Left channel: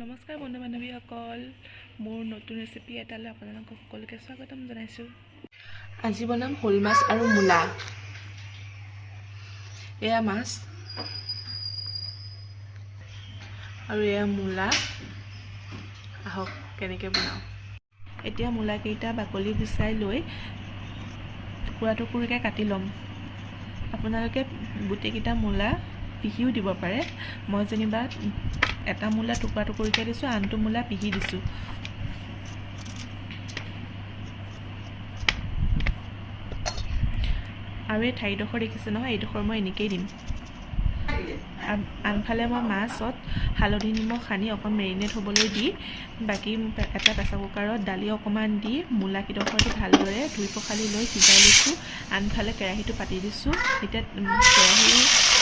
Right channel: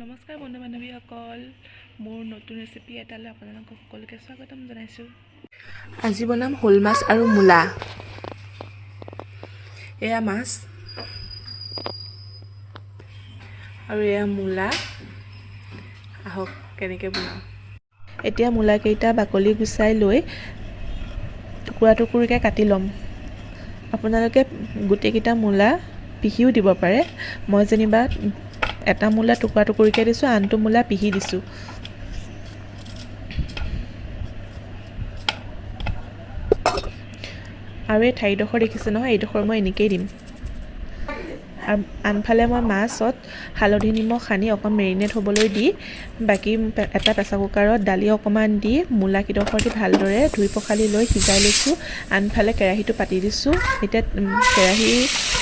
নমস্কাৰ বন্ধু বান্ধৱীসকল মোৰ নতুন ৰেচিপি এটালৈ আপোনালোকক সকলোকে স্বাগতম জনাইছোঁ। আজি বনাম শ'ল মাছ আৰু মূলা। এয়া মাছ আৰু এয়া মূলা। আহক কেনেকৈ বনাওঁ। এতিয়া মূলাকেইটা বাকলি গুচাই লৈ টুকুৰা টুকুৰিকৈ কাটি ল'ম। আপোনালোকে গোটেইকেইটা মূলা পিহিও দিব পাৰে। মই যেনিবা এটা মূলা টুকুৰা টুকুৰিকৈ দিছোঁ, আনটো মূলা পিহি দিছোঁ। আৰু এই ঠাইডোখৰ দেখিছে নহয়, এইডোখৰ মই এনেকেই দিম। আনফালে মই মাছত হালধি নিমখ সানি অকণ মেৰিনেট হ'বলৈ দি বাকী এটা প্ৰেছাৰ কুকাৰত দালি অকণমান দি মূলাকেইডোখৰ দি ভালদৰে ধুই পখালি লৈ সিজাই লৈছোঁ। আনফালে কেৰাহীটো পাতি দিছোঁ। এতিয়া কেৰাহী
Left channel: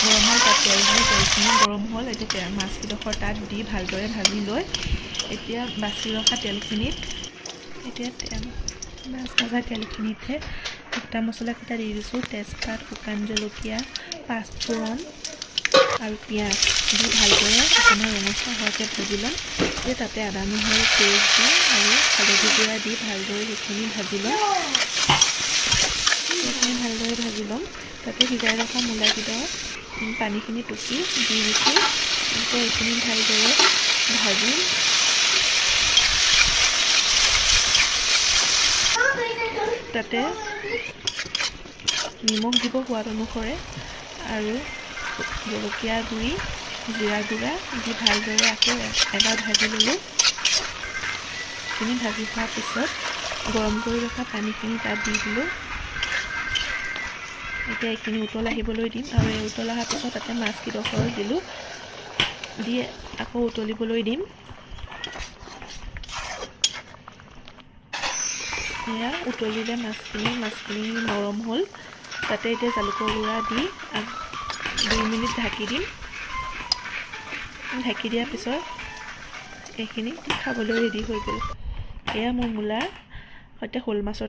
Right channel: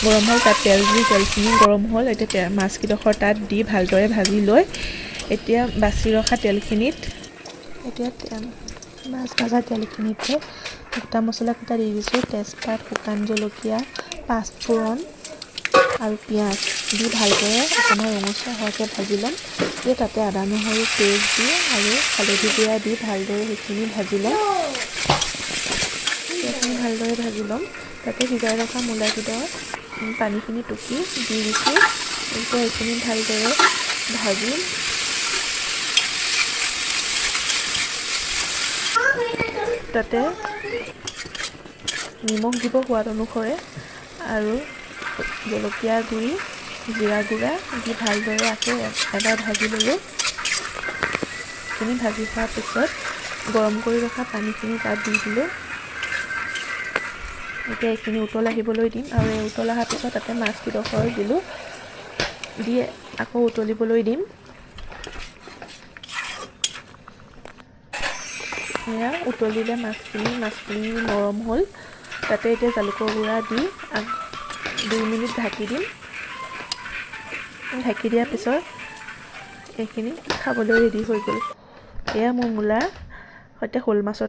গৰম হ'ল তাত তেল দি তেলখিনি গৰম হ'ল। এতিয়া মাছকেইডোখৰ তাত দি ভালদৰে ভাজি লৈ এতিয়া বাচি ৰখা তেলখিনিত এতিয়া মাছ ভজা তেলখিনিতে গোটা মছলাকেইটা দি দিছোঁ। তেজপাত শুকান জলকীয়া পাঁচফোৰণ আৰু পিঁয়াজ দি ভালদৰে অকণমান ৰঙচুৱা হোৱাকৈ ভাজি ল'ম। এতিয়া তাতে আদা, নহৰু, পেষ্ট দি আৰু হালধি গুড়া দি ভালদৰে সেইখিনি ভাজি ল'ম। সেইখিনি ভালদৰে ভাজি ল'ম। তাতে সিজাই ৰখা মূলাকেইডৰ পানীখিনি টুকি দি দিছোঁ। এতিয়া এইখিনি ভালদৰে ভাজি তাতে নিমখ দিব সোৱাদ অনুসৰে আৰু জলকীয়া গুড়ি জিৰা গুড়া দি ভালদৰে আকৌ এবাৰ ভাজি ল'লোঁ। সেইখিনি ভাজি হোৱাৰ পিছত গৰম কৰি ৰখা পানীখিনি তাত দি দিলোঁ। এতিয়া এইখিনি উতল আহিবলৈ দিম আৰু এই উতল অহাৰ পিছত তাতে মাছকেইডোখৰ দিলোঁ। দি আকৌ উতলিবলৈ দিম। এয়া উতলিলে মাছখিনি মাছখিনি নৰম হ'ল। তাতে এতিয়া জালুকৰ গুড়া দি দুই মিনিট ঢাকি দিম। ঢাকি দিয়াৰ পিছত এইখিনি খাবলৈ ৰেডি হৈ গ'ল। এয়া মোৰ মূলাৰ সৈতে শ'ল মাছৰ